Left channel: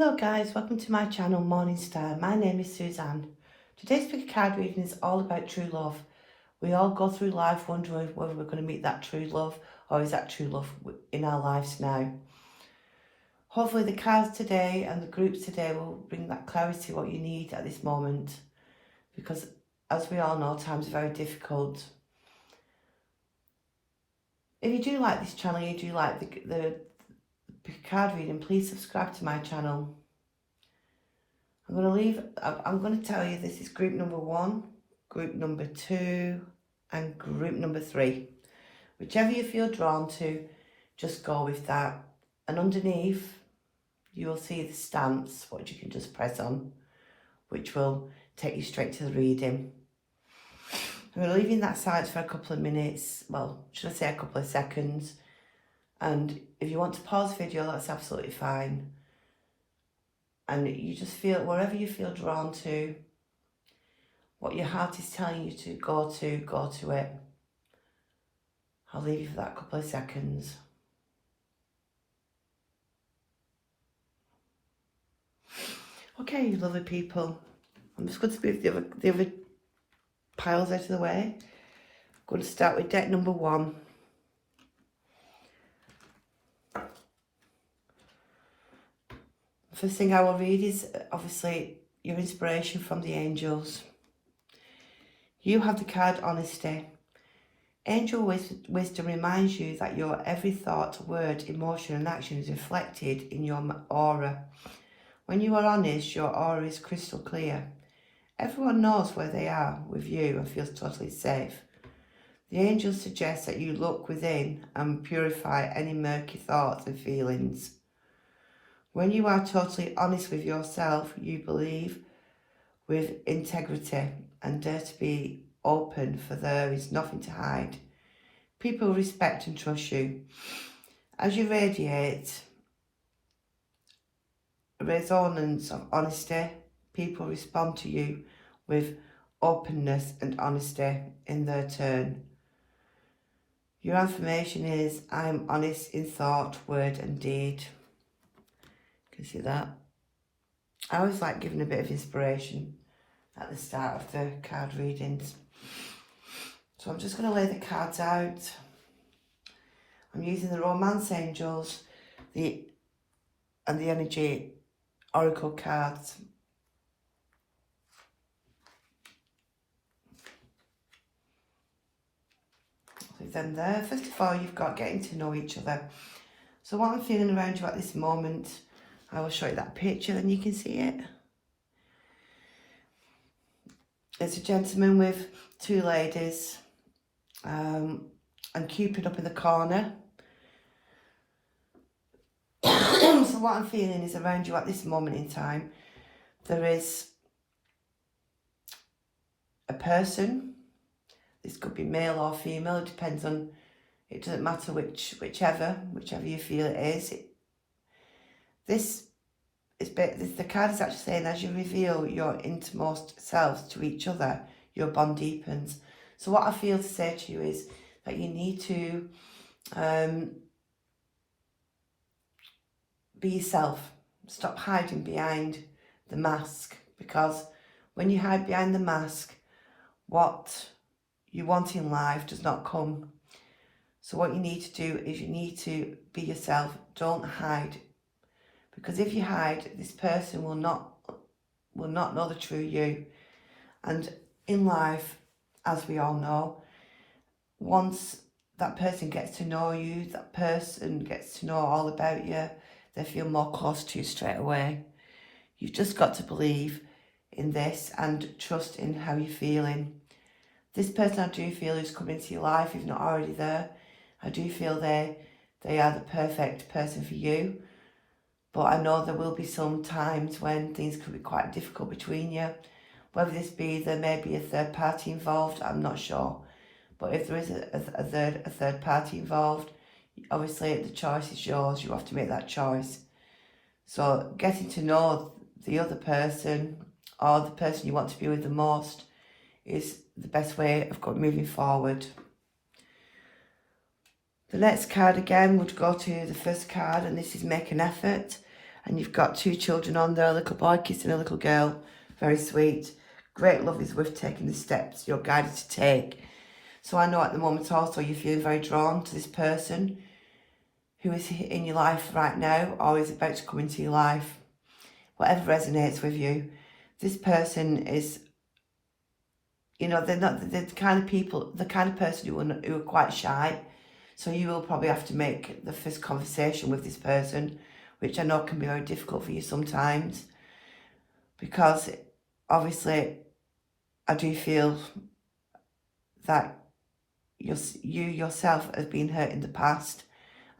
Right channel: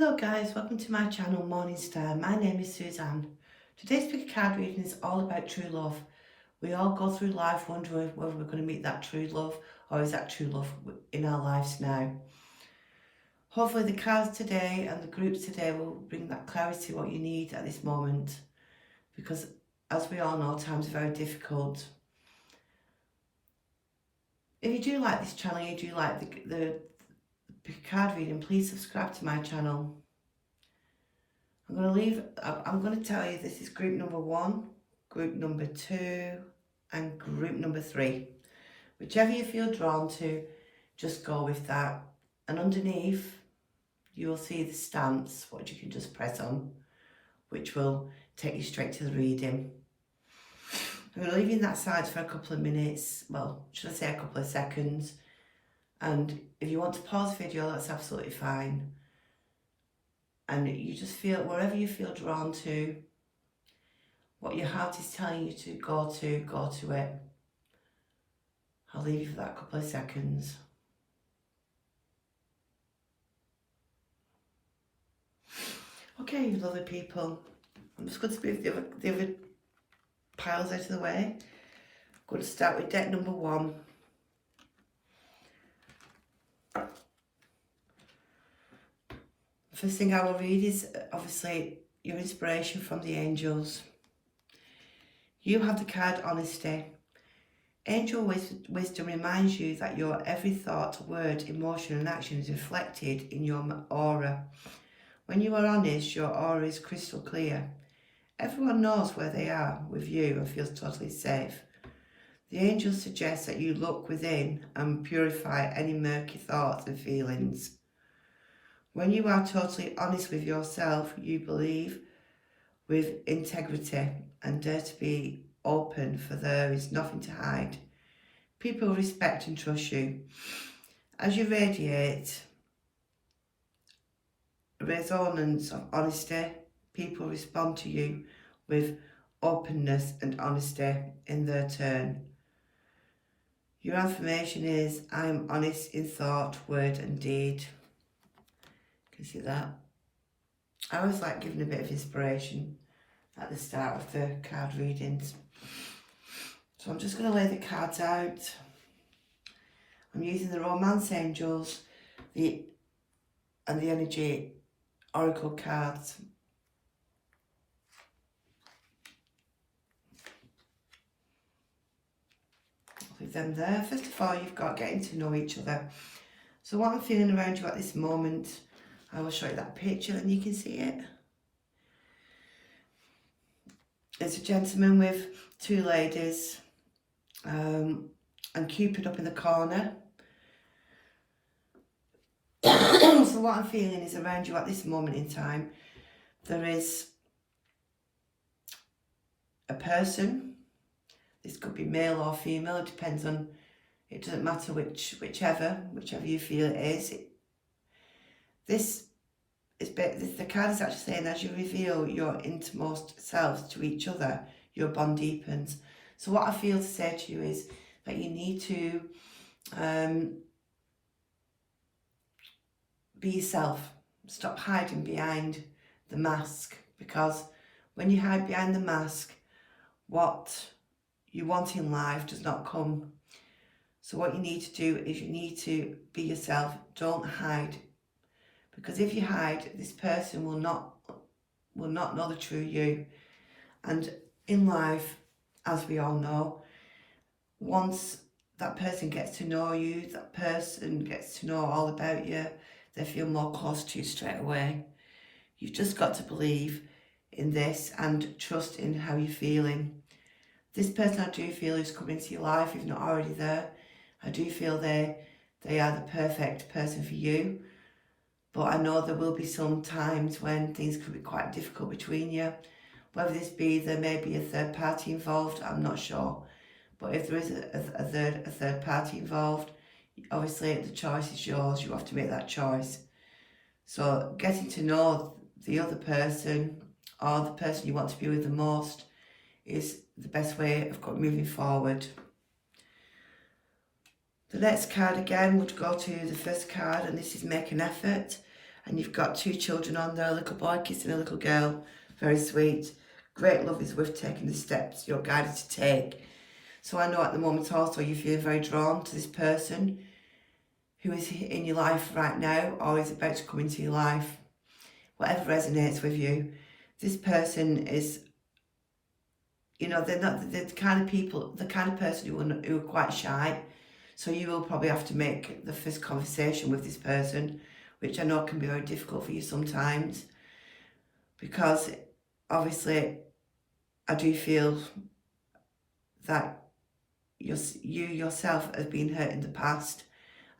Hello guys, welcome to my channel Morning Star. My name is Suzanne. Today's pick card reading is all about true love. We all go through life wondering whether we're going to meet that true love, or is that true love in our lives now. Hopefully the cards today and the groups today will bring that clarity what you need at this moment, because as we all know, times are very difficult. If you do like this channel, you do like the card reading, please subscribe to my channel. I'm going to tell you this is group number 1, group number 2 and group number 3. Whichever you feel drawn to, just go with that. And underneath you'll see the stance, which you can just press on, which will take you straight to the reading. I'm going to leave you in that silence for a couple of minutes, well, should I say a couple of seconds. And if you want to pause the video, that's absolutely fine. And you just feel, wherever you feel drawn to, what your heart is telling you to go to it. I'll leave you for that couple of seconds. Okay, you lovely people. I'm just going to move the other piles out of the way. I'm going to start with deck number 1. The first thing I will read is obviously your inspiration from the angels. You have the card Honesty. Angel wisdom reminds you that your every thought, word, emotion and action is reflected in your aura. When you are honest, your aura is crystal clear. Everyone knows where they are with you and feels totally safe. The angels suggest that you look within and purify any murky thoughts and feelings. When you are totally honest with yourself, you believe with integrity and dare to be open, for there is nothing to hide. People respect and trust you. As you radiate a resonance of honesty, people respond to you with openness and honesty in their turn. Your affirmation is, I am honest in thought, word and deed. You see that? I always like giving a bit of inspiration at the start of the card readings. So I'm just going to lay the cards out. I'm using the Romance Angels and the Energy Oracle cards. Leave them there. First of all, you've got getting to know each other. So what I'm feeling around you at this moment, I will show you that picture and you can see it. There's a gentleman with 2 ladies and Cupid up in the corner. So what I'm feeling is around you at this moment in time, there is a person. This could be male or female, it depends on, it doesn't matter whichever you feel it is. The card is actually saying, as you reveal your innermost selves to each other, your bond deepens. So what I feel to say to you is that you need to be yourself. Stop hiding behind the mask, because when you hide behind the mask, what you want in life does not come. So what you need to do is you need to be yourself. Don't hide. Because if you hide, this person will not know the true you. And in life, as we all know, once that person gets to know you, that person gets to know all about you, they feel more close to you straight away. You've just got to believe in this and trust in how you're feeling. This person I do feel is coming into your life, if not already there. I do feel they are the perfect person for you. But I know there will be some times when things could be quite difficult between you. Whether this be, there may be a third party involved, I'm not sure. But if there is a third party involved, obviously the choice is yours. You have to make that choice. So getting to know the other person, or the person you want to be with the most, is the best way of moving forward. The next card again would go to the first card, and this is Make an Effort. And you've got 2 children on there, a little boy kissing a little girl. Very sweet. Great love is worth taking the steps you're guided to take. So I know at the moment also you feel very drawn to this person who is in your life right now or is about to come into your life. Whatever resonates with you. This person is, you know, they're not the kind of people, the kind of person who are quite shy. So you will probably have to make the first conversation with this person, which I know can be very difficult for you sometimes. Because obviously I do feel that you yourself has been hurt in the past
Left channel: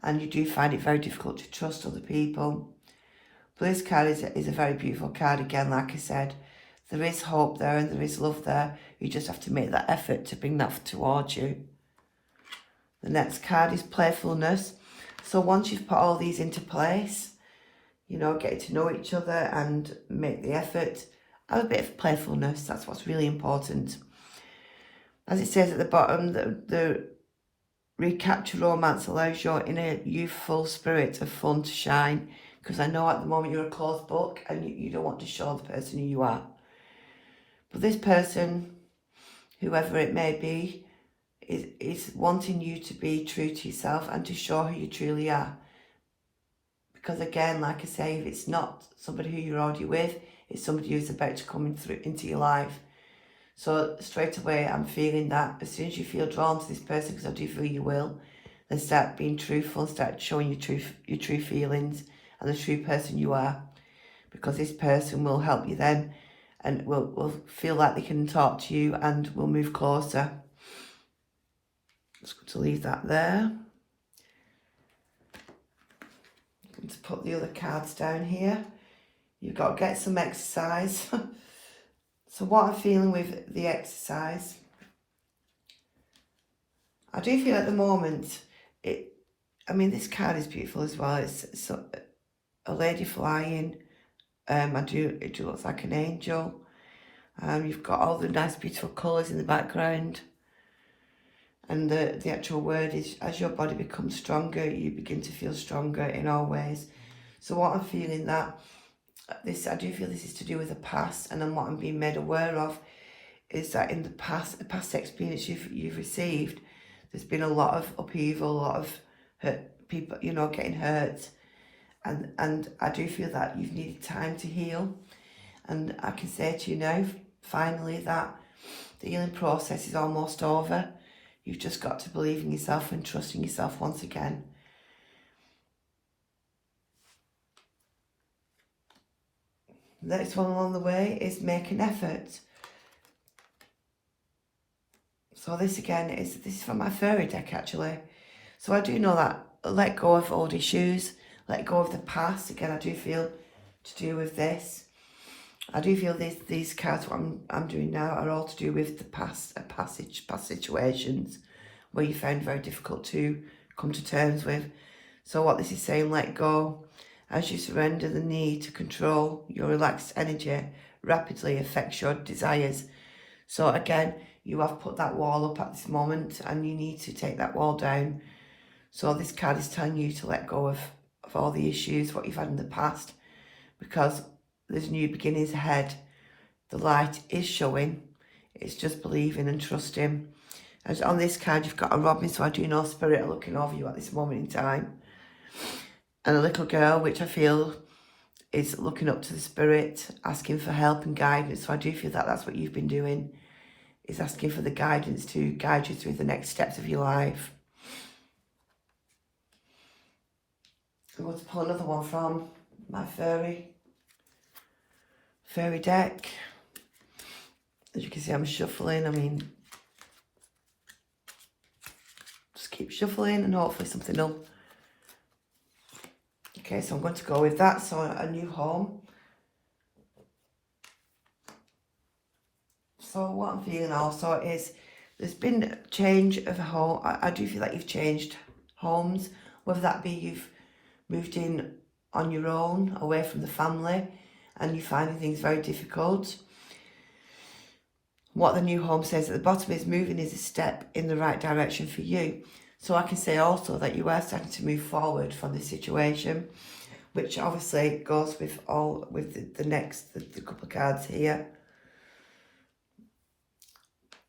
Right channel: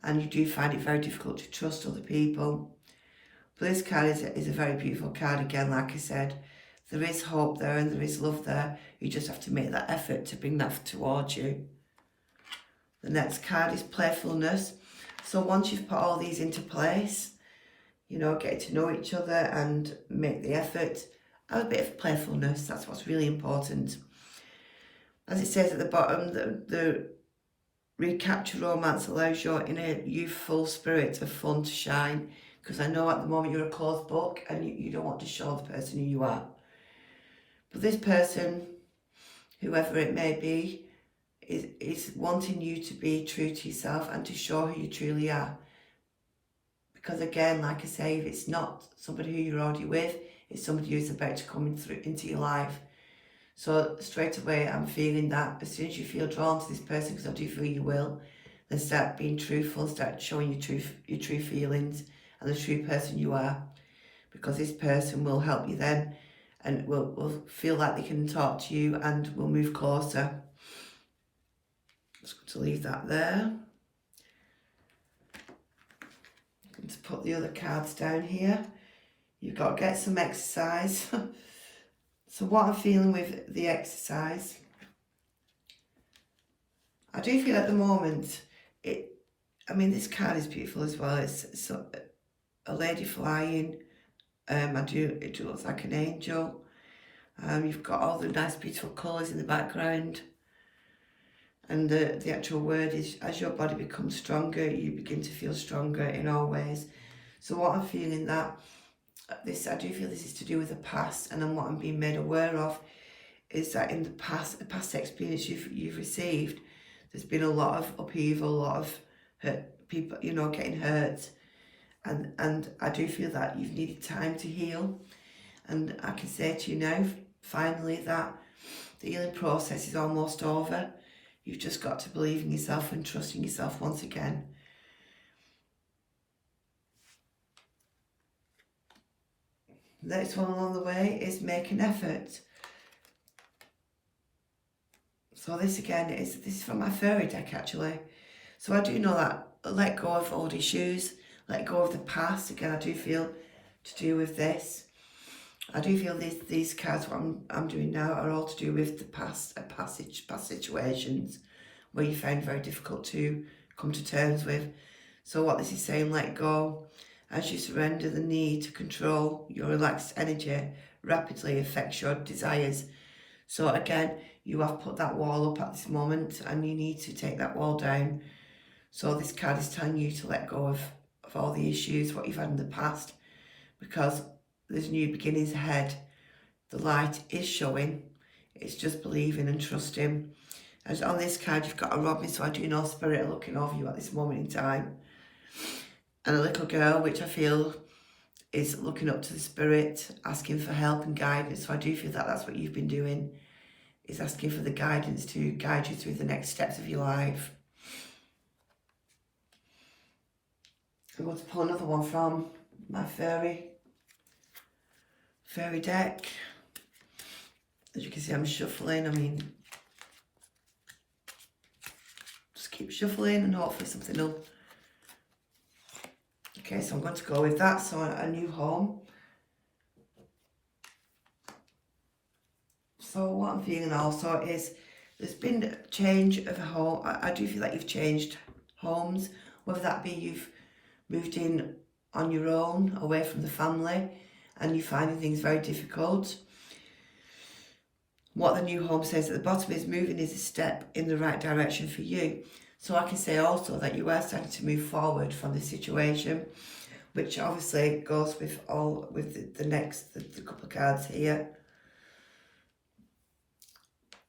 and you do find it very difficult to trust other people. But this card is a very beautiful card again, like I said. There is hope there and there is love there. You just have to make that effort to bring that towards you. The next card is playfulness. So once you've put all these into place, you know, getting to know each other and make the effort, have a bit of playfulness. That's what's really important. As it says at the bottom, the recapture romance allows your inner youthful spirit of fun to shine. Because I know at the moment you're a closed book and you don't want to show the person who you are. But this person, whoever it may be, is wanting you to be true to yourself and to show who you truly are. Because again, like I say, if it's not somebody who you're already with, it's somebody who's about to come into your life. So straight away, I'm feeling that as soon as you feel drawn to this person, because I do feel you will, then start being truthful, start showing your true feelings and the true person you are. Because this person will help you then and will feel like they can talk to you and will move closer. Just to leave that there. I'm going to put the other cards down here. You've got to get some exercise. So what I'm feeling with the exercise, I do feel at the moment, I mean this card is beautiful as well. It's a lady flying. It looks like an angel. You've got all the nice beautiful colours in the background. And the actual word is, as your body becomes stronger, you begin to feel stronger in all ways. So what I'm feeling that, I do feel this is to do with the past, and then what I'm being made aware of is that in the past experience you've received, there's been a lot of upheaval, a lot of hurt people, you know, getting hurt. And I do feel that you've needed time to heal. And I can say to you now, finally, that the healing process is almost over. You've just got to believe in yourself and trust in yourself once again. The next one along the way is make an effort. So this again this is from my fairy deck actually. So I do know that let go of old issues, let go of the past. Again, I do feel to do with this. I do feel these cards, what I'm doing now, are all to do with the past situations where you found very difficult to come to terms with. So what this is saying, let go. As you surrender, the need to control your relaxed energy rapidly affects your desires. So again, you have put that wall up at this moment and you need to take that wall down. So this card is telling you to let go of all the issues, what you've had in the past, because there's new beginnings ahead. The light is showing. It's just believing and trusting. And on this card, you've got a robin, so I do know spirit are looking over you at this moment in time. And a little girl, which I feel is looking up to the spirit, asking for help and guidance. So I do feel that that's what you've been doing, is asking for the guidance to guide you through the next steps of your life. I'm going to pull another one from my fairy deck. As you can see, I'm shuffling. I mean, just keep shuffling and hopefully something will. Okay, so I'm going to go with that. So a new home. So what I'm feeling also is there's been a change of a home. I do feel like you've changed homes, whether that be you've moved in on your own, away from the family, and you're finding things very difficult. What the new home says at the bottom is moving is a step in the right direction for you. So I can say also that you are starting to move forward from the situation, which obviously goes with the next the couple of cards here.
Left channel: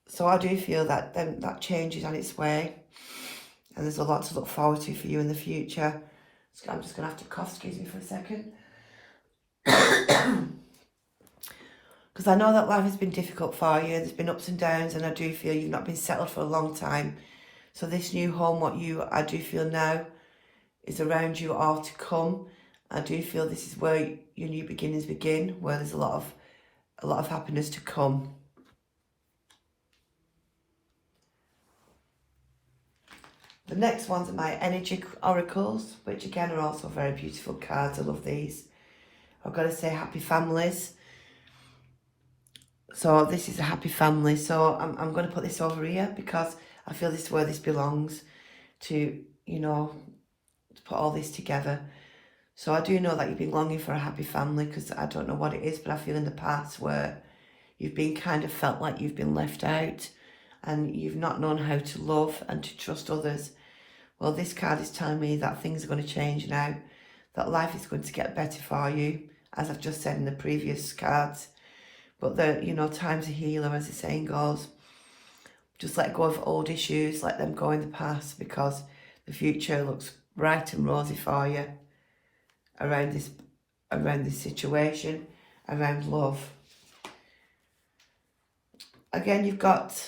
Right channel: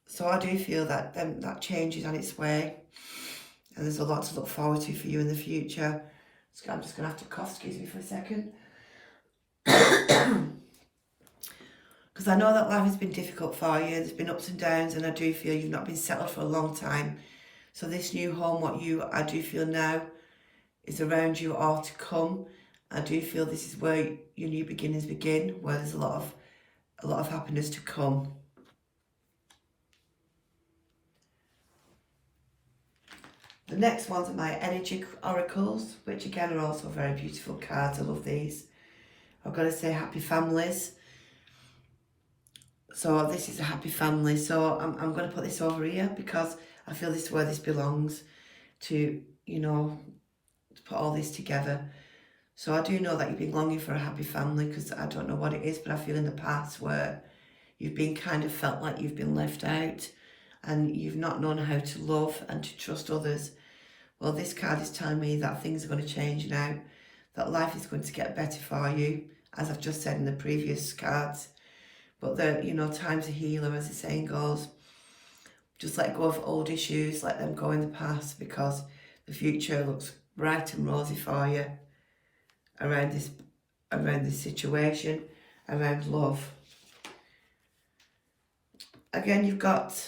So I do feel that that change is on its way, and there's a lot to look forward to for you in the future. So I'm just going to have to cough, excuse me for a second. Because I know that life has been difficult for you, there's been ups and downs, and I do feel you've not been settled for a long time. So this new home, I do feel now is around you or to come. I do feel this is where your new beginnings begin, where there's a lot of happiness to come. The next ones are my energy oracles, which again are also very beautiful cards. I love these. I've got to say happy families. So this is a happy family. So I'm going to put this over here because I feel this is where this belongs to, you know, to put all this together. So I do know that you've been longing for a happy family, because I don't know what it is, but I feel in the past where you've been kind of felt like you've been left out and you've not known how to love and to trust others. Well, this card is telling me that things are going to change now, that life is going to get better for you, as I've just said in the previous cards. But time's a healer, as the saying goes. Just let go of old issues, let them go in the past, because the future looks bright and rosy for you around this situation, around love. Again, you've got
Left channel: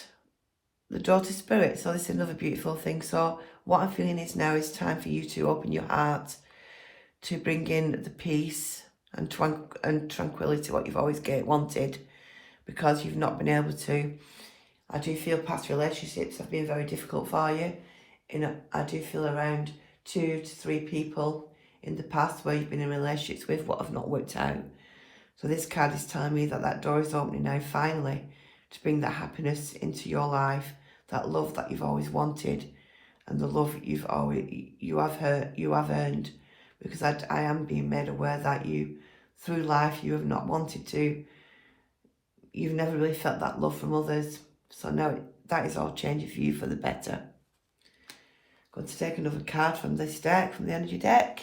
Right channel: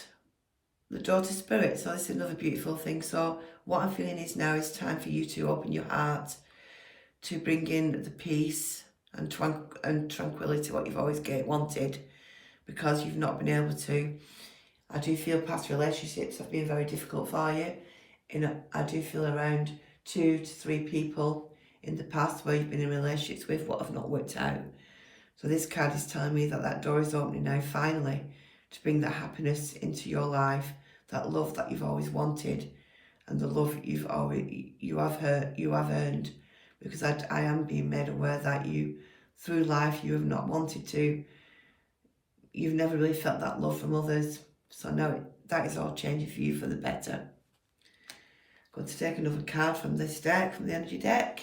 the daughter spirit, so this is another beautiful thing. So what I'm feeling is now is time for you to open your heart to bring in the peace and tranquility, what you've always wanted, because you've not been able to. I do feel past relationships have been very difficult for you. I do feel around 2 to 3 people in the past where you've been in relationships with what have not worked out. So this card is telling me that that door is opening now, finally, to bring that happiness into your life, that love that you've always wanted, and the love you have earned. Because I am being made aware that through life, you have not wanted to. You've never really felt that love from others. So now that is all changing for you for the better. I'm going to take another card from this deck, from the energy deck.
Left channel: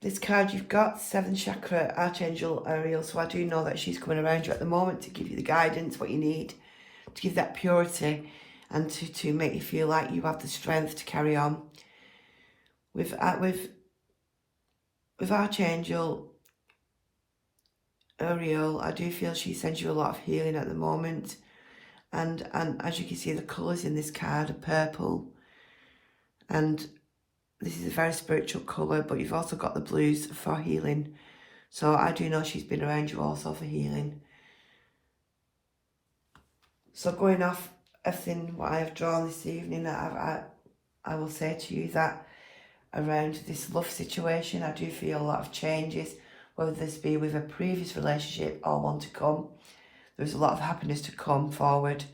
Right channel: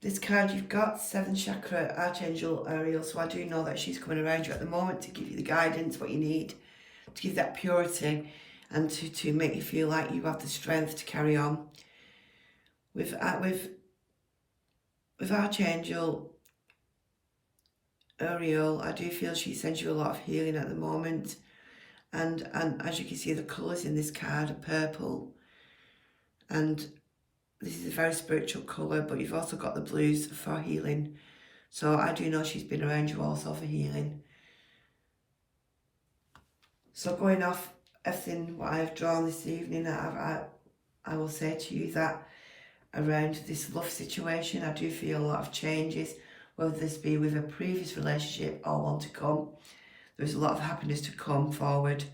This card you've got, 7th chakra, Archangel Ariel. So I do know that she's coming around you at the moment to give you the guidance, what you need, to give that purity, and to make you feel like you have the strength to carry on. With Archangel Ariel, I do feel she sends you a lot of healing at the moment. And as you can see, the colours in this card are purple. And this is a very spiritual colour, but you've also got the blues for healing. So I do know she's been around you also for healing. So going off everything what I have drawn this evening, I will say to you that around this love situation, I do feel a lot of changes, whether this be with a previous relationship or one to come. There's a lot of happiness to come forward.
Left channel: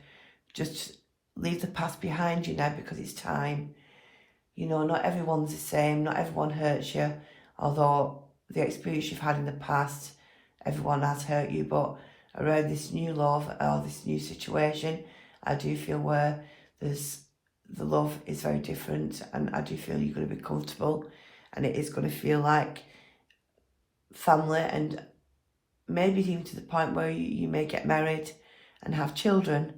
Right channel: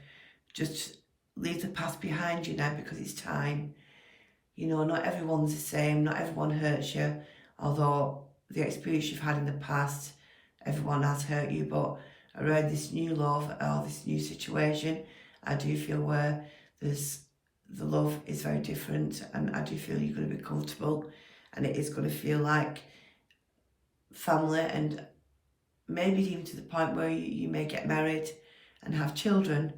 Just leave the past behind you now, because it's time. You know, not everyone's the same, not everyone hurts you, although the experience you've had in the past, everyone has hurt you. But around this new love or this new situation, I do feel where the love is very different, and I do feel you're going to be comfortable, and it is going to feel like family, and maybe even to the point where you may get married and have children.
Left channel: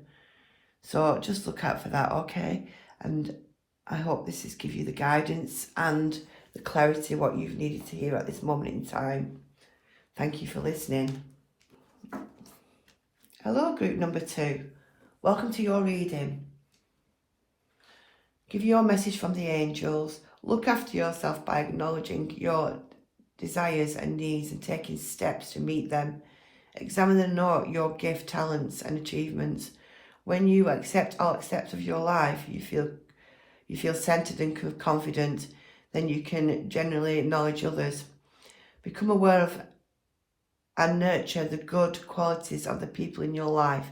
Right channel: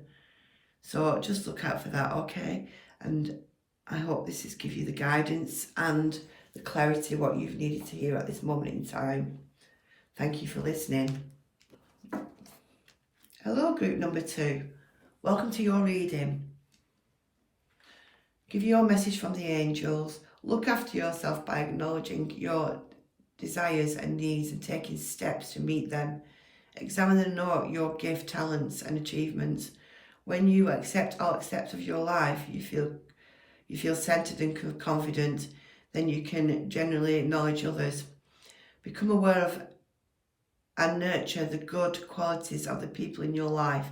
So just look out for that, okay? And I hope this has given you the guidance and the clarity what you've needed to hear at this moment in time. Thank you for listening. Hello, group number 2. Welcome to your reading. Give your message from the angels. Look after yourself by acknowledging your desires and needs and taking steps to meet them. Examine and note your gift, talents and achievements. When you accept all aspects of your life, you feel centered and confident, then you can generally acknowledge others. Become aware of and nurture the good qualities of the people in your life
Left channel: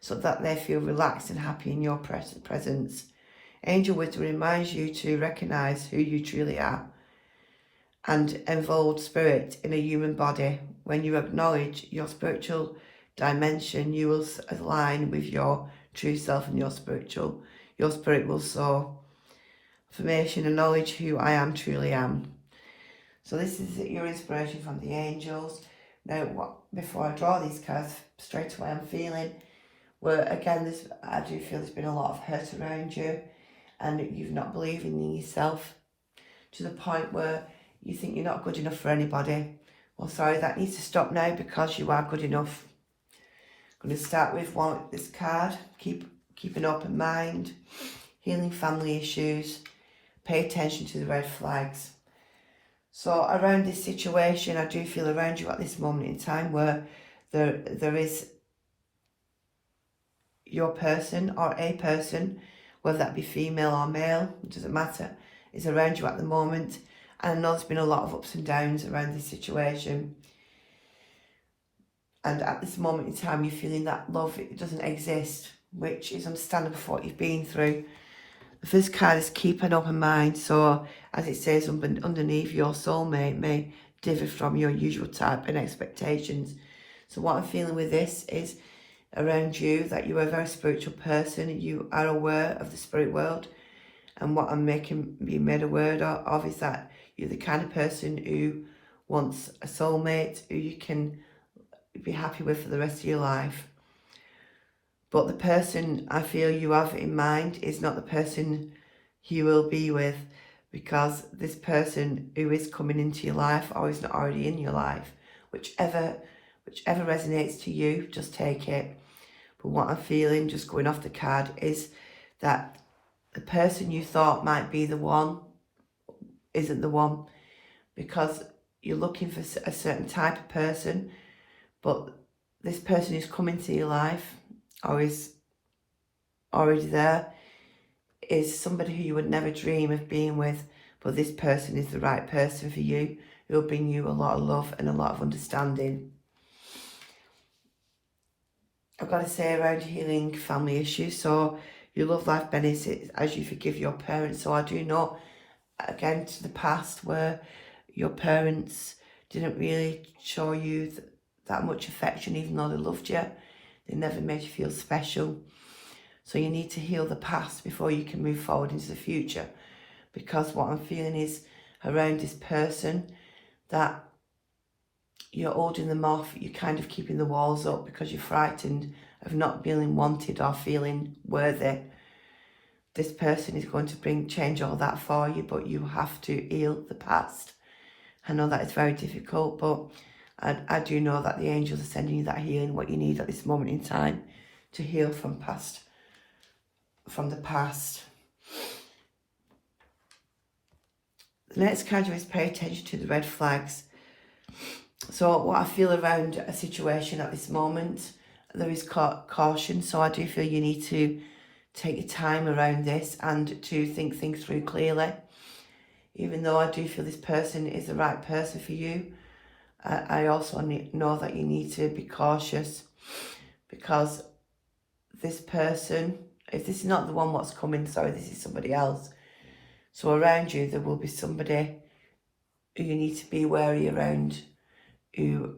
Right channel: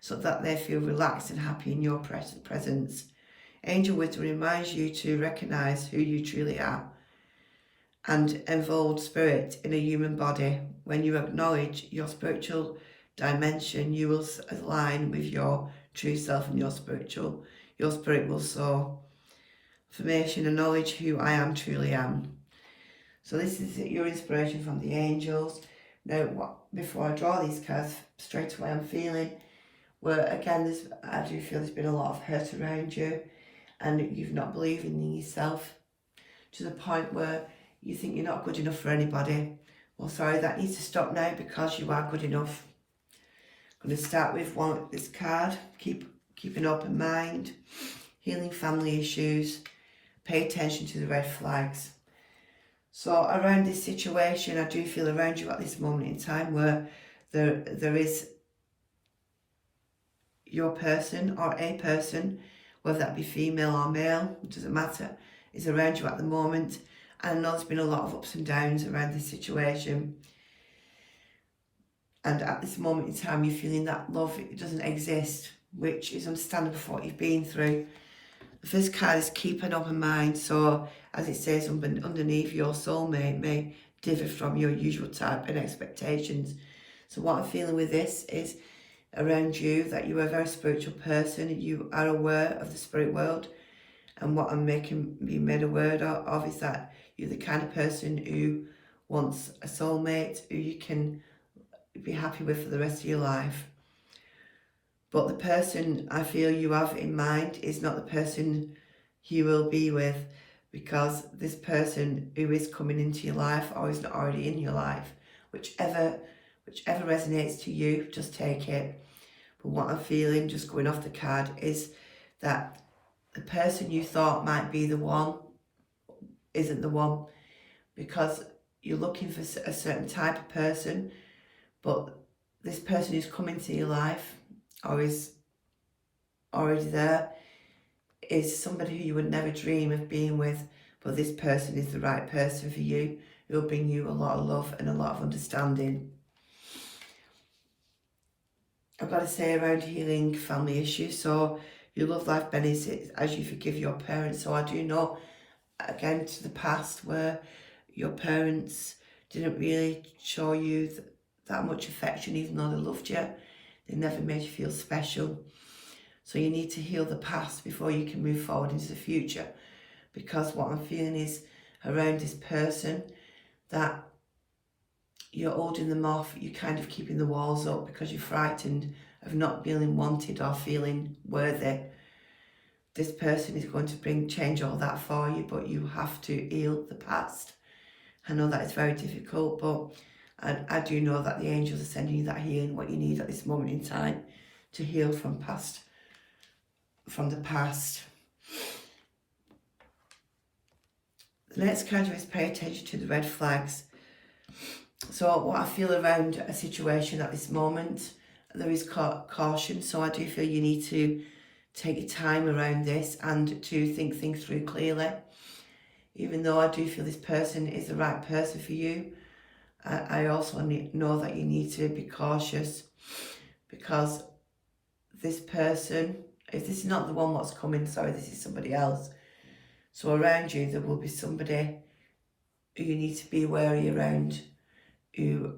so that they feel relaxed and happy in your presence. Angel wisdom reminds you to recognize who you truly are and involved spirit in a human body. When you acknowledge your spiritual dimension, you will align with your true self and your spirit will soar. Affirmation and knowledge who I am, truly am. So this is your inspiration from the angels. Now, before I draw these cards, straight away I'm feeling where, again, I do feel there's been a lot of hurt around you and you've not believed in yourself to the point where you think you're not good enough for anybody. Well, sorry, that needs to stop now because you are good enough. I'm going to start with this card. Keep an open mind. Healing family issues. Pay attention to the red flags. So around this situation, I do feel around you at this moment in time where there is your person or a person, whether that be female or male, it doesn't matter, is around you at the moment. And I know there's been a lot of ups and downs around this situation. And at this moment in time, you're feeling that love, it doesn't exist, which is understandable for what you've been through. The first card is keep an open mind. So as it says underneath, your soulmate may differ from your usual type and expectations. So what I'm feeling with this is around you that you are a very spiritual person. You are aware of the spirit world. And what I'm being made aware of is that you're the kind of person who wants a soulmate who you can be happy with for the rest of your life. But the person I feel you have in mind is not the person you will be with, because this person who is coming into your life or is not already in your life, whichever resonates to you, just take it. But what I'm feeling, just going off the card, is that the person you thought might be the one isn't the one, because you're looking for a certain type of person, but this person who's coming to your life or is already there is somebody who you would never dream of being with, but this person is the right person for you. It will bring you a lot of love and a lot of understanding. I've got to say, around healing family issues, so your love life benefits as you forgive your parents. So I do know, again, to the past where your parents didn't really show you that much affection, even though they loved you. They never made you feel special. So you need to heal the past before you can move forward into the future. Because what I'm feeling is around this person that you're holding them off, you're kind of keeping the walls up because you're frightened of not feeling wanted or feeling worthy. This person is going to change all that for you, but you have to heal the past. I know that it's very difficult, but I do know that the angels are sending you that healing, what you need at this moment in time to heal from the past. The next card is pay attention to the red flags. So what I feel around a situation at this moment, there is caution. So I do feel you need to take your time around this and to think things through clearly. Even though I do feel this person is the right person for you, I also know that you need to be cautious, because this person, if this is not the one what's coming, sorry, this is somebody else. So around you, there will be somebody who you need to be wary around, who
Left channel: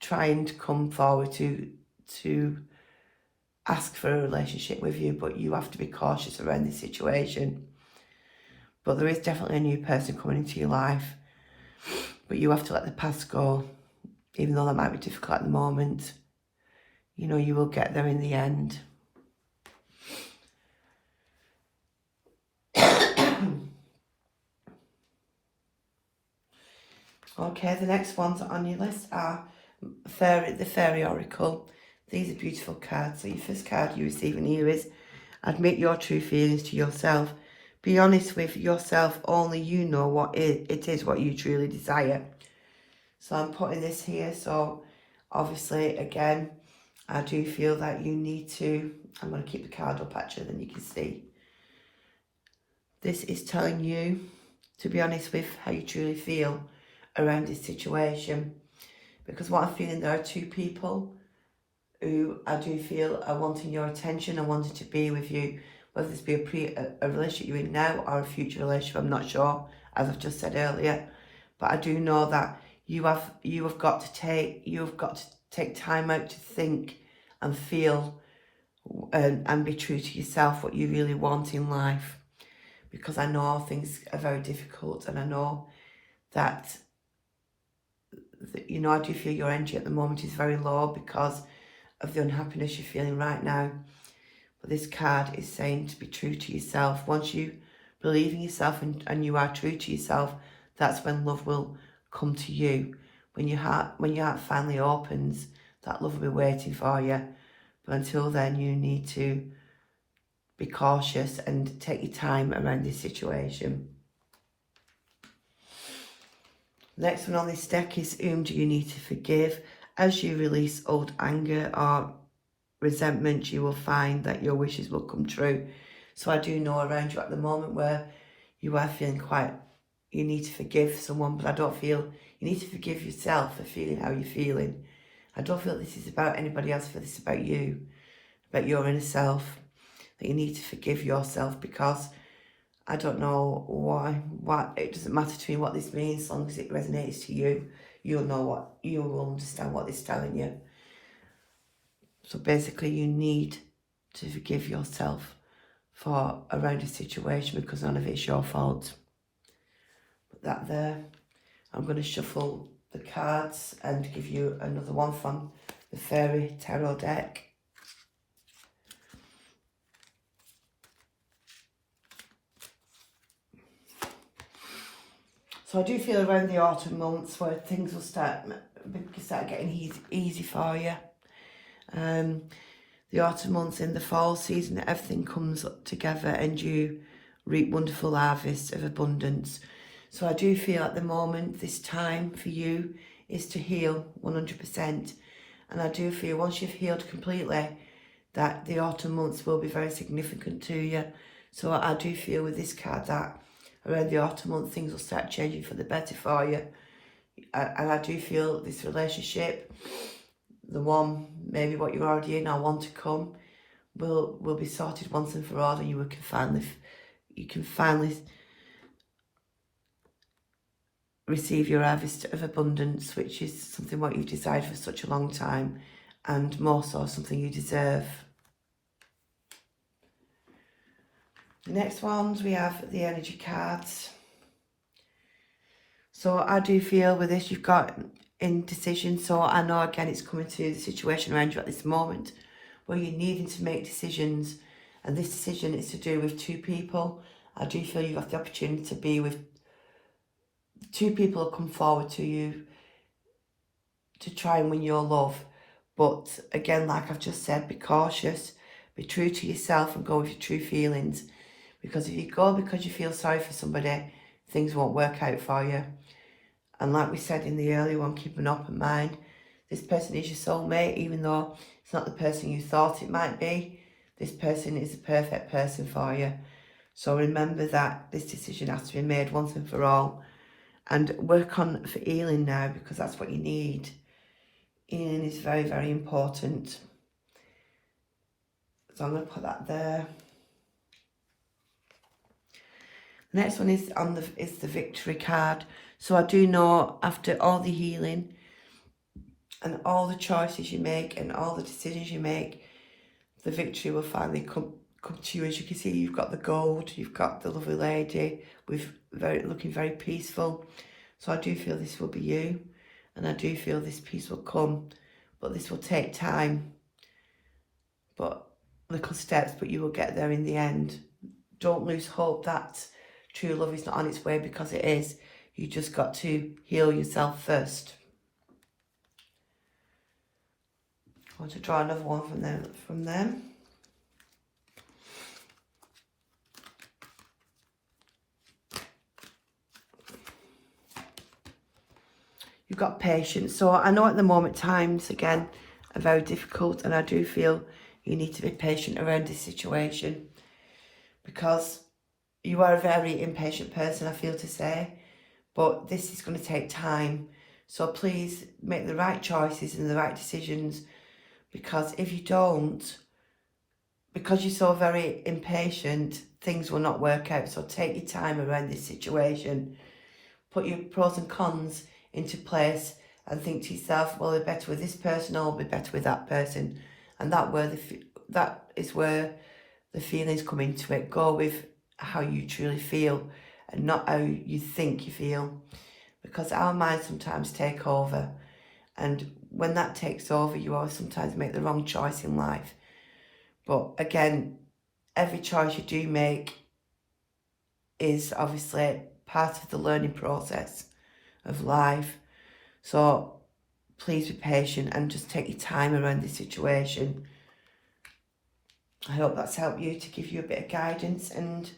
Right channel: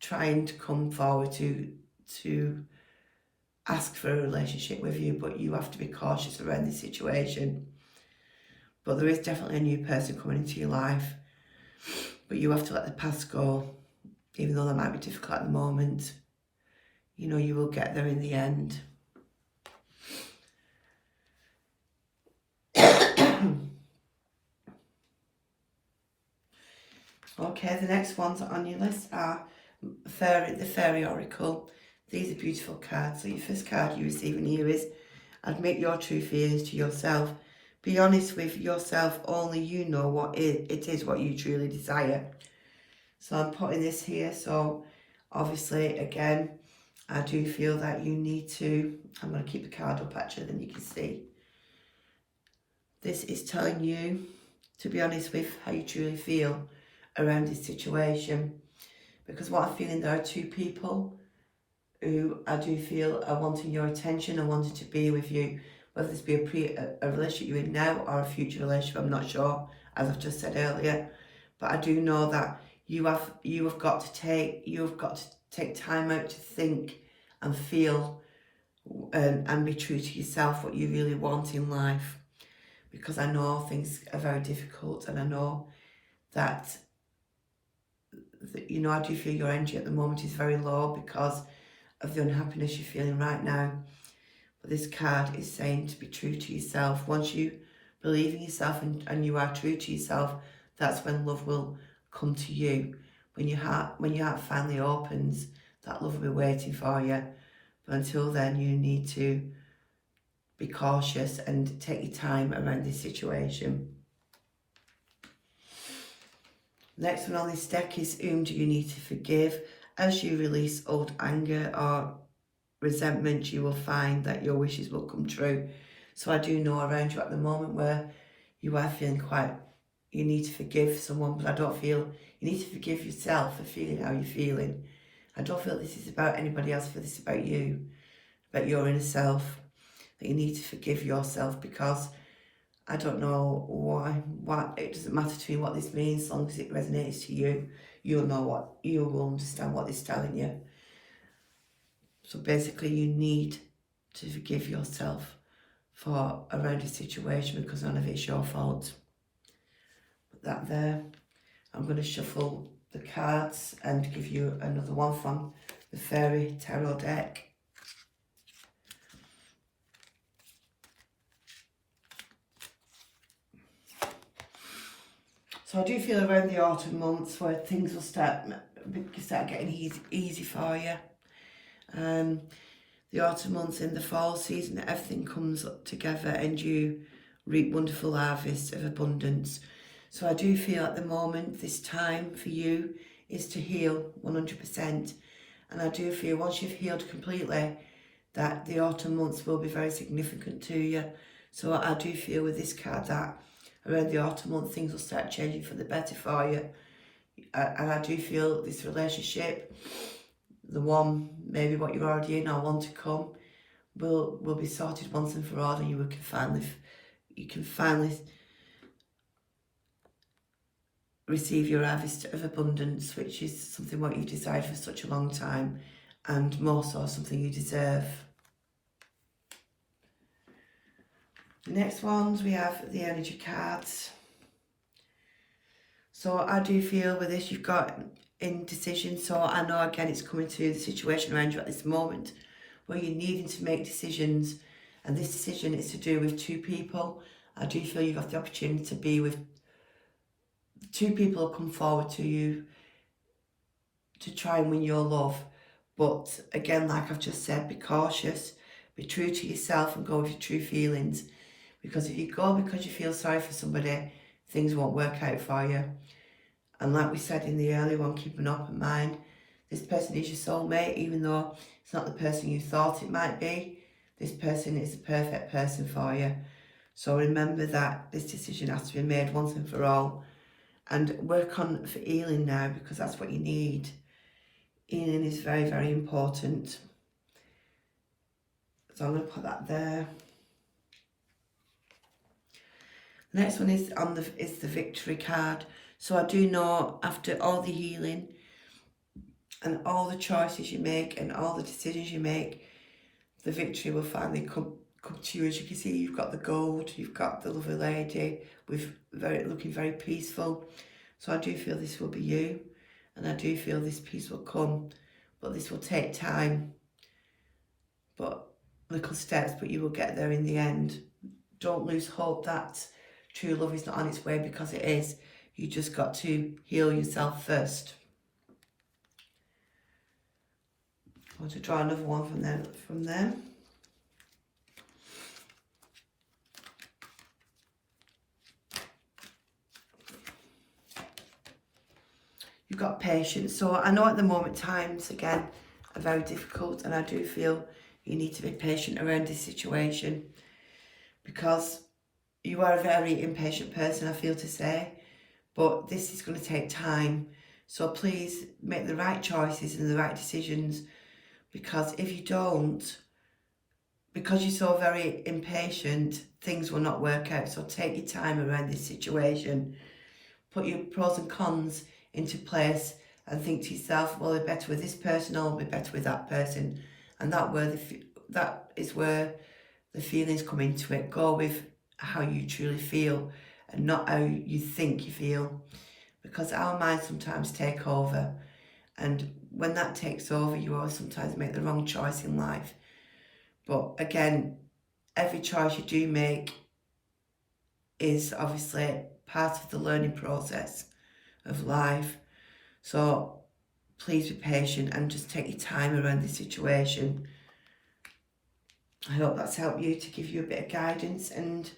trying to come forward to ask for a relationship with you, but you have to be cautious around this situation. But there is definitely a new person coming into your life, but you have to let the past go, even though that might be difficult at the moment. You know, you will get there in the end. Okay, the next ones on your list are the Fairy Oracle. These are beautiful cards. So your first card you receive in here is admit your true feelings to yourself. Be honest with yourself. Only you know what it is what you truly desire. So I'm putting this here. So obviously, again, I do feel that you need to, I'm going to keep the card up actually, then you can see. This is telling you to be honest with how you truly feel around this situation. Because what I'm feeling, there are two people who I do feel are wanting your attention and wanting to be with you. Whether this be a relationship you're in now or a future relationship, I'm not sure, as I've just said earlier. But I do know that you have got to take time out to think and feel and be true to yourself, what you really want in life. Because I know things are very difficult, and I know that you know, I do feel your energy at the moment is very low because of the unhappiness you're feeling right now. But this card is saying to be true to yourself. Once you believe in yourself and you are true to yourself, that's when love will come to you. When your heart finally opens, that love will be waiting for you. But until then, you need to be cautious and take your time around this situation. Next one on this deck is, whom do you need to forgive? As you release old anger or resentment, you will find that your wishes will come true. So I do know around you at the moment where you are feeling you need to forgive someone, but I don't feel you need to forgive yourself for feeling how you're feeling. I don't feel this is about anybody else, for this is about you, about your inner self, that you need to forgive yourself, because I don't know why it doesn't matter to me what this means, as long as it resonates to you. You will understand what it's telling you. So basically, you need to forgive yourself for around a situation, because none of it's your fault. Put that there. I'm going to shuffle the cards and give you another one from the Fairy Tarot deck. So I do feel around the autumn months where things will start getting easy for you. The autumn months, in the fall season, everything comes together and you reap wonderful harvests of abundance. So I do feel at the moment, this time for you is to heal 100%. And I do feel once you've healed completely, that the autumn months will be very significant to you. So I do feel with this card that around the autumn month, things will start changing for the better for you. And I do feel this relationship, the one, maybe what you're already in or want to come, will be sorted once and for all, and you can finally receive your harvest of abundance, which is something what you've desired for such a long time, and more so something you deserve. The next ones, we have the energy cards. So I do feel with this, you've got indecision. So I know again it's coming to the situation around you at this moment where you're needing to make decisions, and this decision is to do with two people. I do feel you've got the opportunity to be with two people who come forward to you to try and win your love. But again, like I've just said, be cautious, be true to yourself and go with your true feelings. Because if you go because you feel sorry for somebody, things won't work out for you. And like we said in the earlier one, keep an open mind. This person is your soulmate, even though it's not the person you thought it might be. This person is the perfect person for you. So remember that this decision has to be made once and for all. And work on for healing now, because that's what you need. Healing is very, very important. So I'm going to put that there. The next one is the victory card. So I do know after all the healing and all the choices you make and all the decisions you make, the victory will finally come to you. As you can see, you've got the gold, you've got the lovely lady with looking very peaceful. So I do feel this will be you, and I do feel this peace will come, but this will take time, but little steps, but you will get there in the end. Don't lose hope that true love is not on its way, because it is. You just got to heal yourself first. I want to draw another one from them. You've got patience. So I know at the moment times, again, are very difficult, and I do feel you need to be patient around this situation, because you are a very impatient person, I feel to say, but this is going to take time. So please make the right choices and the right decisions, because if you don't, because you're so very impatient, things will not work out. So take your time around this situation, put your pros and cons into place, and think to yourself, well, I'm better with this person or I'll be better with that person. And that is where the feelings come into it. Go with how you truly feel and not how you think you feel, because our minds sometimes take over, and when that takes over, you always sometimes make the wrong choice in life. But again, every choice you do make is obviously part of the learning process of life. So please be patient and just take your time around this situation. I hope that's helped you, to give you a bit of guidance and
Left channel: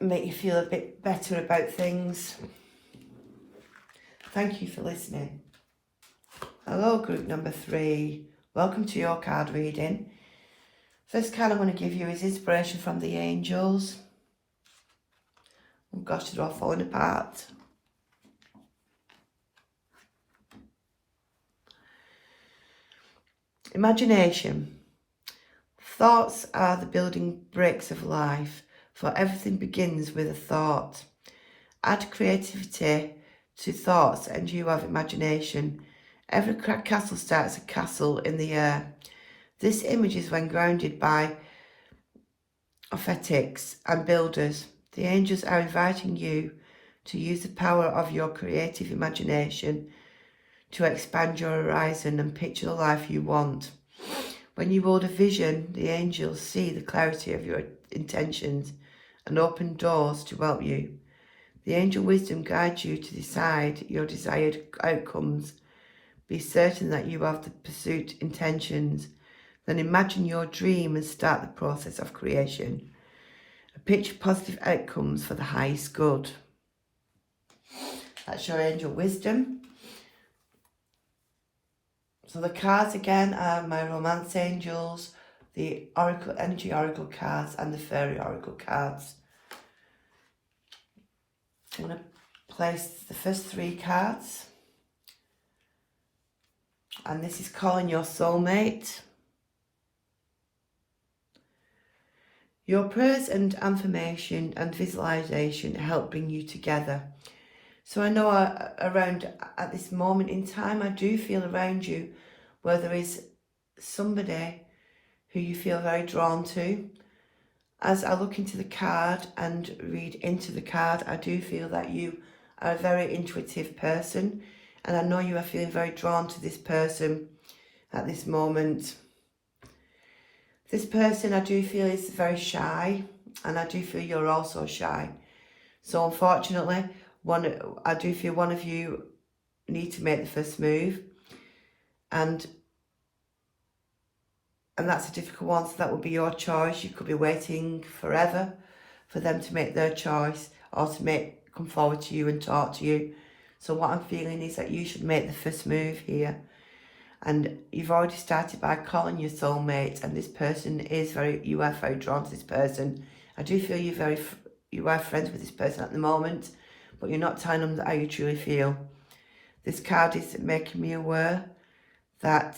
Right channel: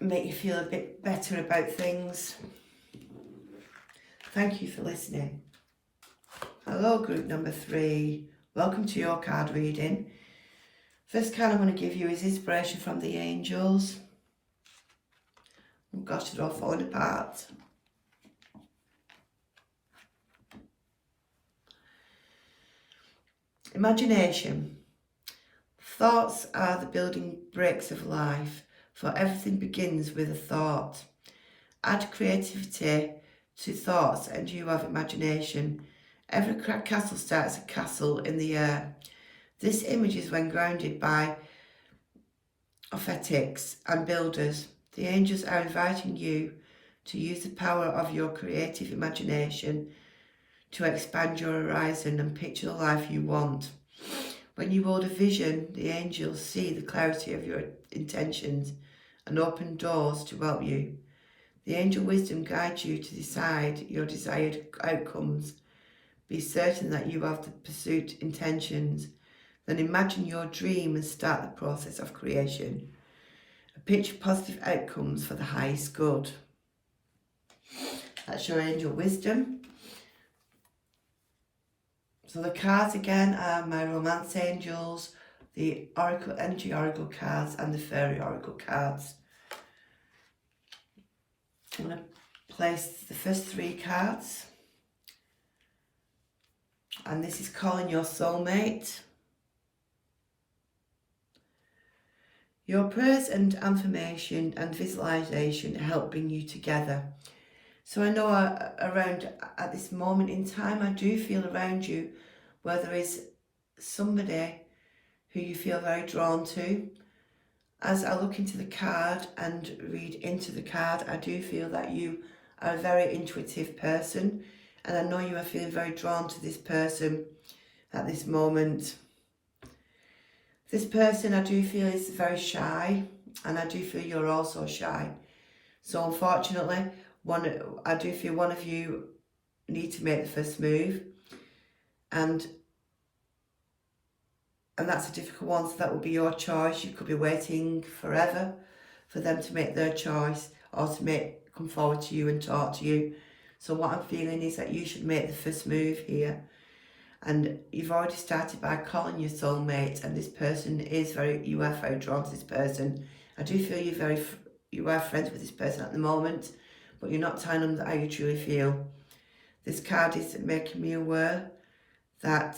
make you feel a bit better about things. Thank you for listening. Hello, group number 3. Welcome to your card reading. First card I'm going to give you is inspiration from the angels. Oh gosh, they're all falling apart. Imagination. Thoughts are the building bricks of life, for everything begins with a thought. Add creativity to thoughts and you have imagination. Every castle starts a castle in the air. This image is when grounded by architects and builders. The angels are inviting you to use the power of your creative imagination to expand your horizon and picture the life you want. When you hold a vision, the angels see the clarity of your intentions and open doors to help you. The angel wisdom guides you to decide your desired outcomes. Be certain that you have the pursuit intentions. Then imagine your dream and start the process of creation. Picture positive outcomes for the highest good. That's your angel wisdom. So the cards again are my romance angels, the oracle, energy oracle cards, and the fairy oracle cards. I'm going to place the first 3 cards. And this is calling your soulmate. Your prayers and affirmation and visualization help bring you together. So I know around at this moment in time, I do feel around you where there is somebody who you feel very drawn to. As I look into the card and read into the card, I do feel that you are a very intuitive person, and I know you are feeling very drawn to this person at this moment. This person, I do feel, is very shy, and I do feel you're also shy. So unfortunately, I do feel one of you need to make the first move, and that's a difficult one, so that would be your choice. You could be waiting forever for them to make their choice, or to come forward to you and talk to you. So what I'm feeling is that you should make the first move here. And you've already started by calling your soulmate, and this person is you are very drawn to this person. I do feel you are friends with this person at the moment, but you're not telling them how you truly feel. This card is making me aware that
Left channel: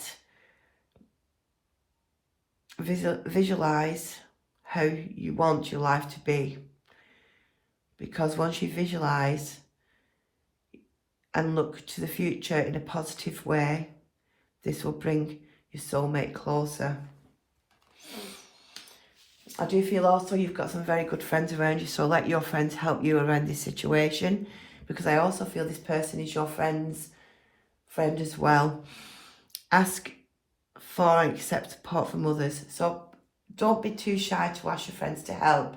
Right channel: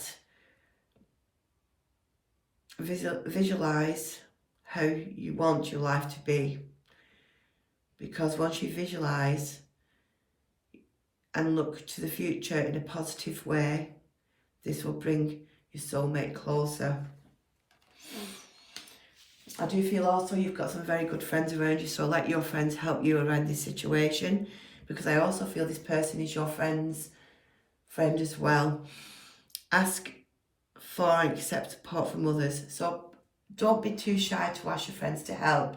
visualize how you want your life to be, because once you visualize and look to the future in a positive way, this will bring your soulmate closer. I do feel also you've got some very good friends around you, so let your friends help you around this situation, because I also feel this person is your friend's friend as well. Ask for and accept support from others. So don't be too shy to ask your friends to help.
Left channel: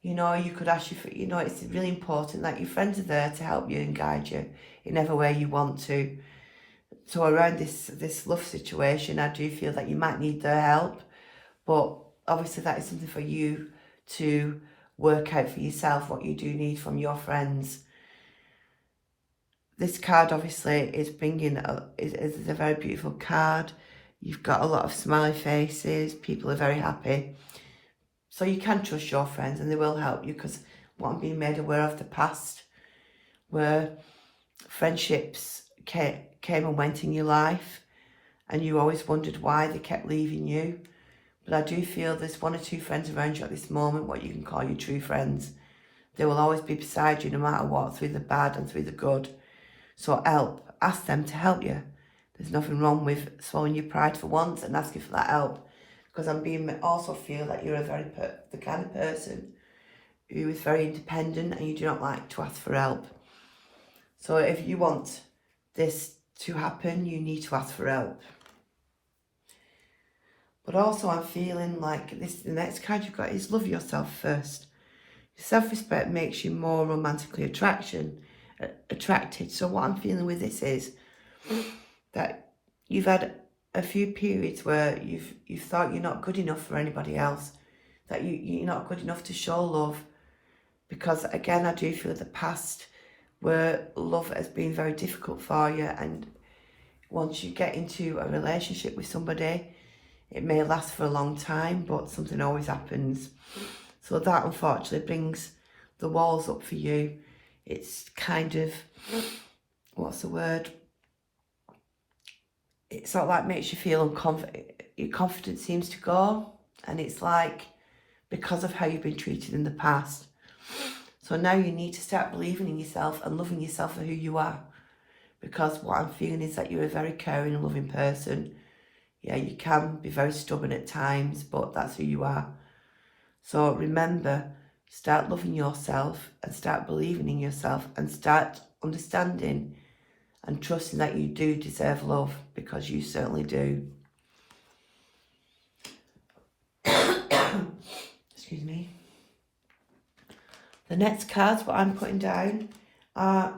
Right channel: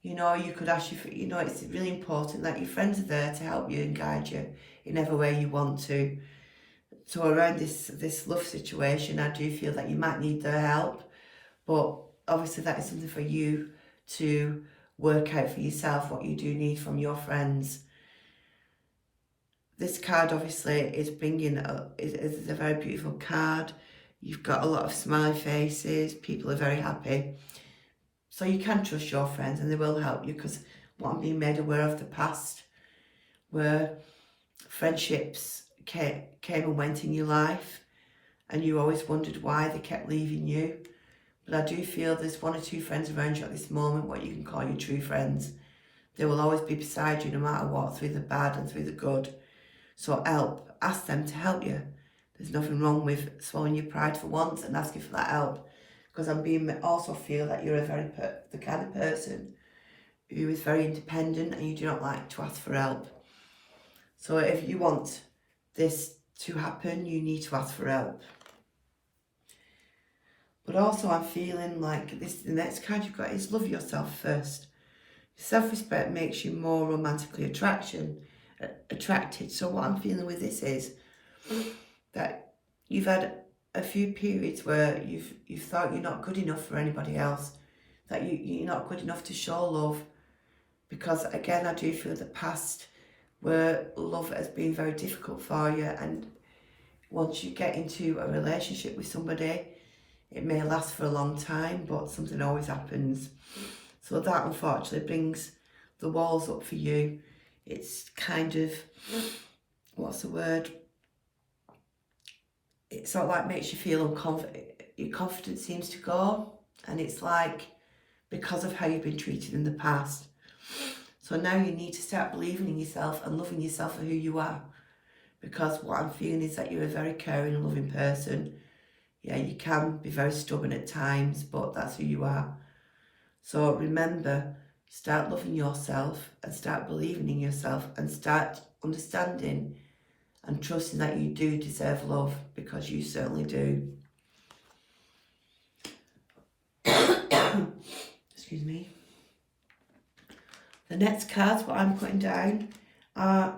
You know, you could ask it's really important that your friends are there to help you and guide you in every way you want to. So around this love situation, I do feel that you might need their help, but obviously that is something for you to work out for yourself, what you do need from your friends. This card obviously is is a very beautiful card. You've got a lot of smiley faces, people are very happy. So you can trust your friends and they will help you, because what I'm being made aware of the past, where friendships came and went in your life and you always wondered why they kept leaving you. But I do feel there's 1 or 2 friends around you at this moment, what you can call your true friends. They will always be beside you no matter what, through the bad and through the good. So help, ask them to help you. There's nothing wrong with swallowing your pride for once and asking for that help, because also feel that you're the kind of person who is very independent and you do not like to ask for help. So if you want this to happen, you need to ask for help. But also I'm feeling like the next card you've got is love yourself first. Self-respect makes you more romantically attracted. So what I'm feeling with this is that you've had a few periods where you've thought you're not good enough for anybody else, that you're not good enough to show love, because again I do feel the past where love has been very difficult for you, and once you get into a relationship with somebody, it may last for a long time, but something always happens. So that unfortunately brings the walls up for you. It's kind of, what's the word? It sort of like makes you feel unconfident. Your confidence seems to go, and it's like because of how you've been treated in the past. So now you need to start believing in yourself and loving yourself for who you are, because what I'm feeling is that you're a very caring and loving person. Yeah, you can be very stubborn at times, but that's who you are. So remember, start loving yourself and start believing in yourself and start understanding and trusting that you do deserve love, because you certainly do. Excuse me. The next cards, what I'm putting down, are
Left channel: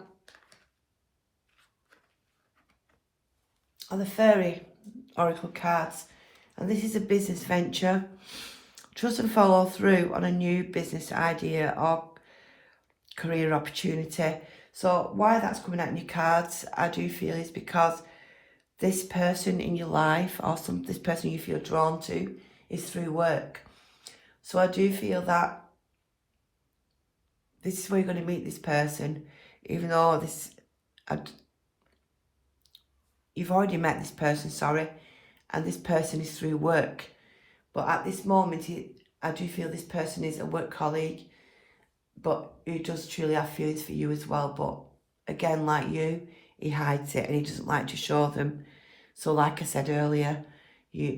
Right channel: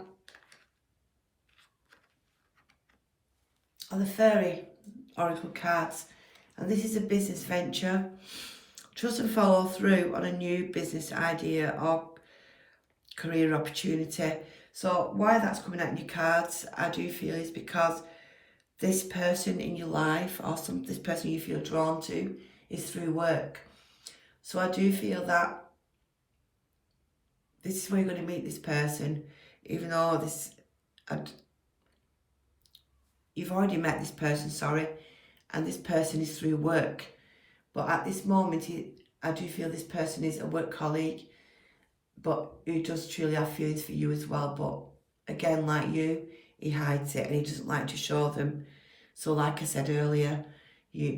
the Fairy Oracle cards. And this is a business venture. Trust and follow through on a new business idea or career opportunity. So why that's coming out in your cards, I do feel, is because this person in your life, or this person you feel drawn to, is through work. So I do feel that this is where you're going to meet this person, even though you've already met this person, and this person is through work. But at this moment, I do feel this person is a work colleague, but who does truly have feelings for you as well. But again, like you, he hides it and he doesn't like to show them. So like I said earlier,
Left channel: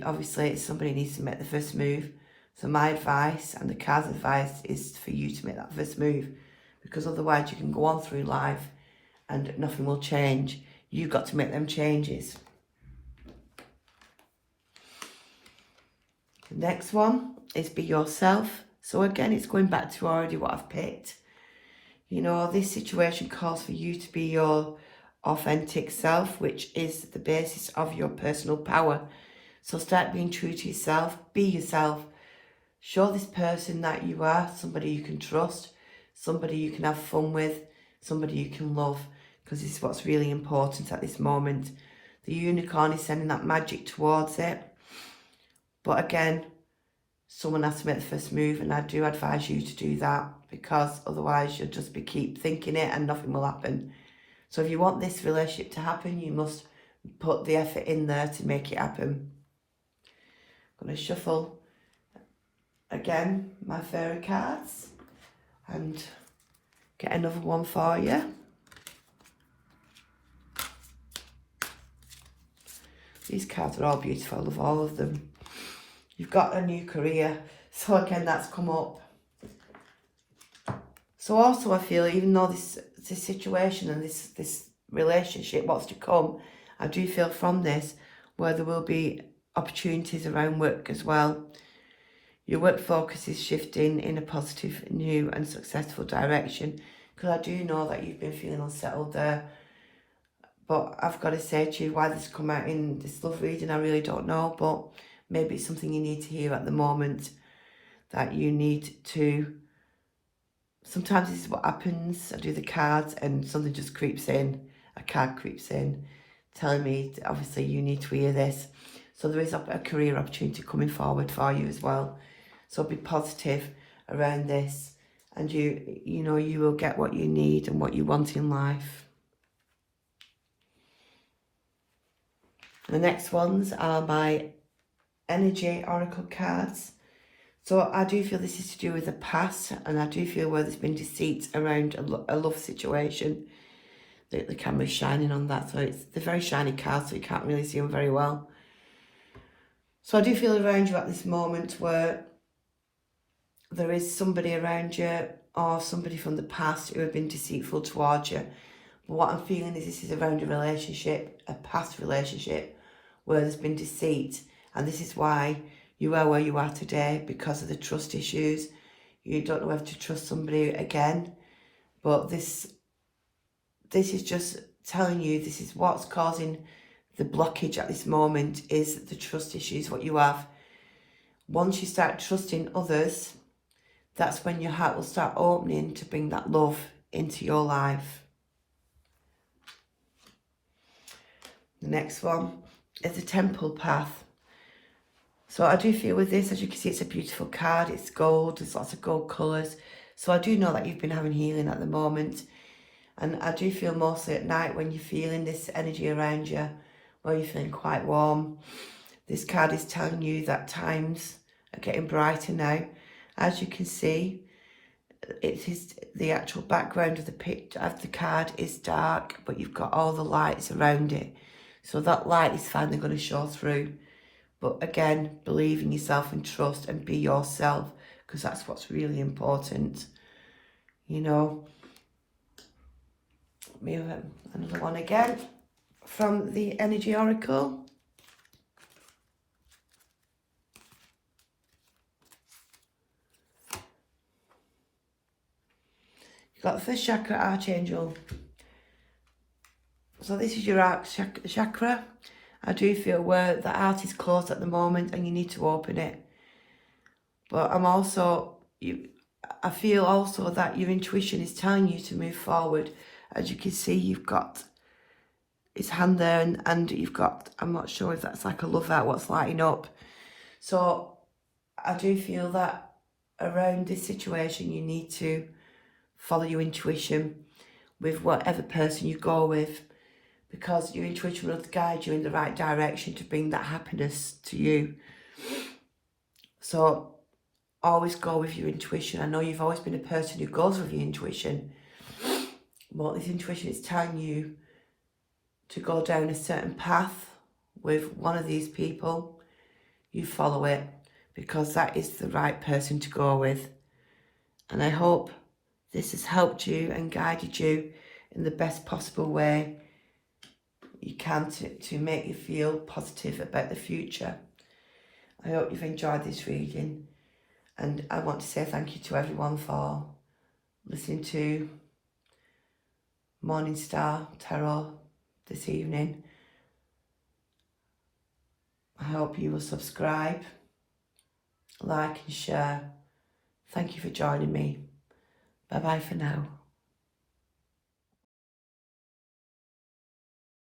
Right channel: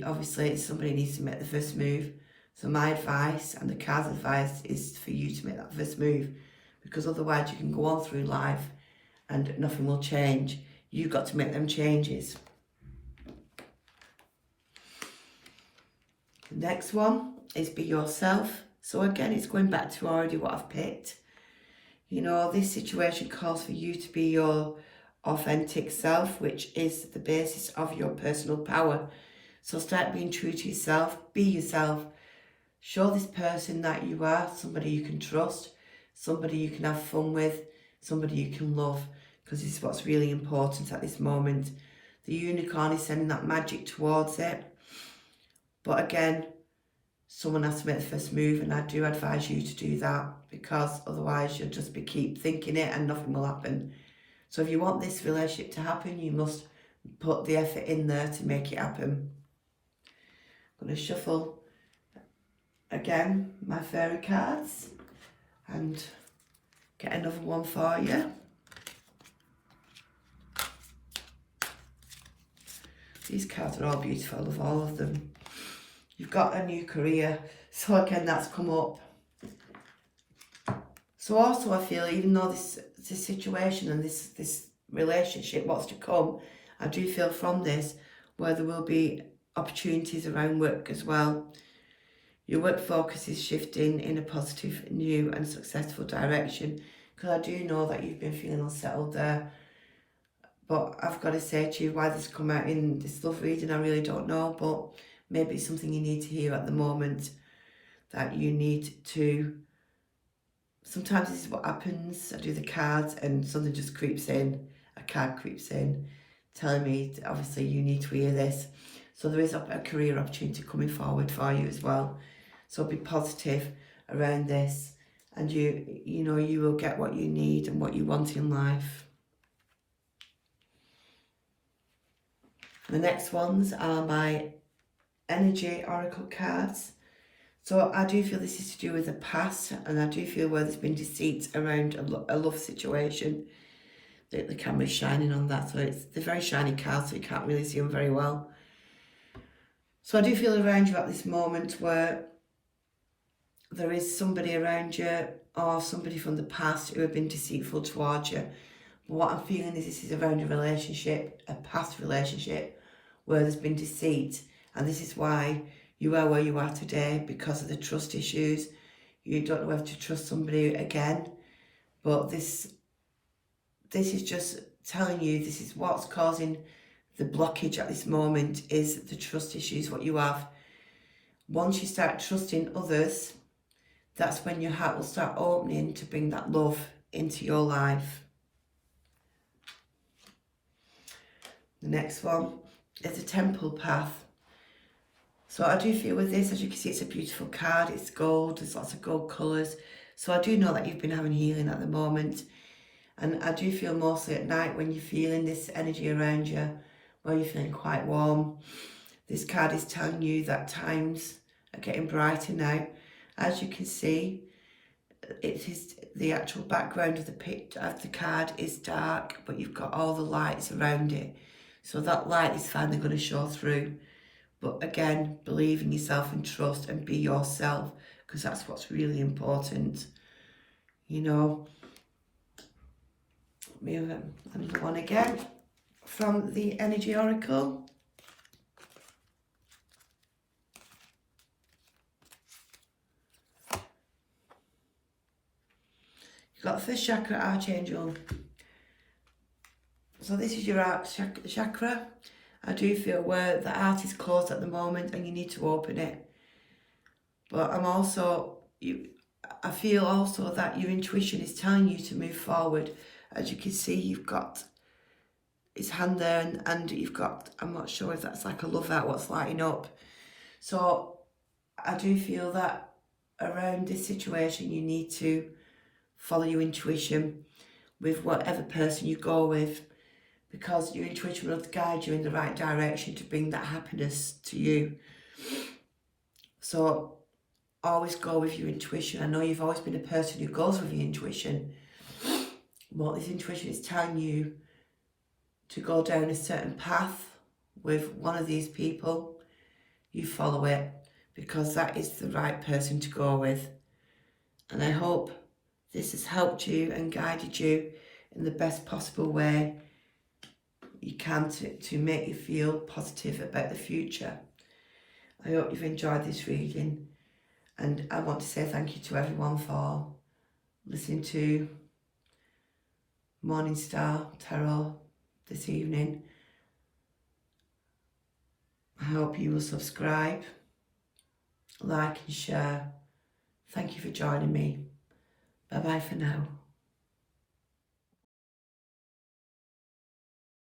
obviously somebody needs to make the first move. So my advice, and the card's advice, is for you to make that first move, because otherwise you can go on through life and nothing will change. You've got to make them changes. The next one is be yourself. So again, it's going back to already what I've picked. You know, this situation calls for you to be your authentic self, which is the basis of your personal power. So start being true to yourself, be yourself. Show this person that you are somebody you can trust, somebody you can have fun with, somebody you can love, because this is what's really important at this moment. The unicorn is sending that magic towards it. But again, someone has to make the first move, and I do advise you to do that, because otherwise you'll just keep thinking it and nothing will happen. So if you want this relationship to happen, you must put the effort in there to make it happen. I'm going to shuffle again my fairy cards and get another one for you. These cards are all beautiful, I love all of them. You've got a new career, so again that's come up. So also I feel, even though this situation and this relationship, what's to come, I do feel from this where there will be opportunities around work as well. Your work focus is shifting in a positive, new and successful direction, because I do know that you've been feeling unsettled there. But I've got to say to you, why this come out in this love reading, I really don't know, but maybe it's something you need to hear at the moment, that you need to, sometimes this is what happens. I do the cards and something just creeps in, a card creeps in, telling me, obviously, you need to hear this. So there is a career opportunity coming forward for you as well. So be positive around this, and you know, you will get what you need and what you want in life. The next ones are my energy oracle cards. So I do feel this is to do with the past, and I do feel where there's been deceit around a love situation. the camera's shining on that, so they're very shiny cards, so you can't really see them very well. So I do feel around you at this moment where there is somebody around you or somebody from the past who have been deceitful towards you. But what I'm feeling is this is around a relationship, a past relationship, where there's been deceit. And this is why you are where you are today, because of the trust issues. You don't know whether to trust somebody again. But this is just telling you this is what's causing the blockage at this moment, is the trust issues, what you have. Once you start trusting others, that's when your heart will start opening to bring that love into your life. The next one is the Temple Path. So I do feel with this, as you can see, it's a beautiful card. It's gold, there's lots of gold colours. So I do know that you've been having healing at the moment. And I do feel mostly at night when you're feeling this energy around you, where you're feeling quite warm. This card is telling you that times are getting brighter now. As you can see, it is the actual background of the picture of the card is dark, but you've got all the lights around it. So that light is finally going to show through. But again, believe in yourself and trust and be yourself, because that's what's really important. You know, we have another one again from the Energy Oracle. You've got the first chakra, Archangel. So this is your heart chakra. I do feel where the heart is closed at the moment and you need to open it. But I feel also that your intuition is telling you to move forward. As you can see, you've got his hand there and you've got, I'm not sure if that's like a love heart, what's lighting up. So I do feel that around this situation, you need to follow your intuition with whatever person you go with, because your intuition will guide you in the right direction to bring that happiness to you. So always go with your intuition. I know you've always been a person who goes with your intuition, but this intuition is telling you to go down a certain path with one of these people. You follow it, because that is the right person to go with. And I hope this has helped you and guided you in the best possible way you can to make you feel positive about the future. I hope you've enjoyed this reading, and I want to say thank you to everyone for listening to Morning Star Tarot this evening. I hope you will subscribe, like and share. Thank you for joining me. Bye bye for now.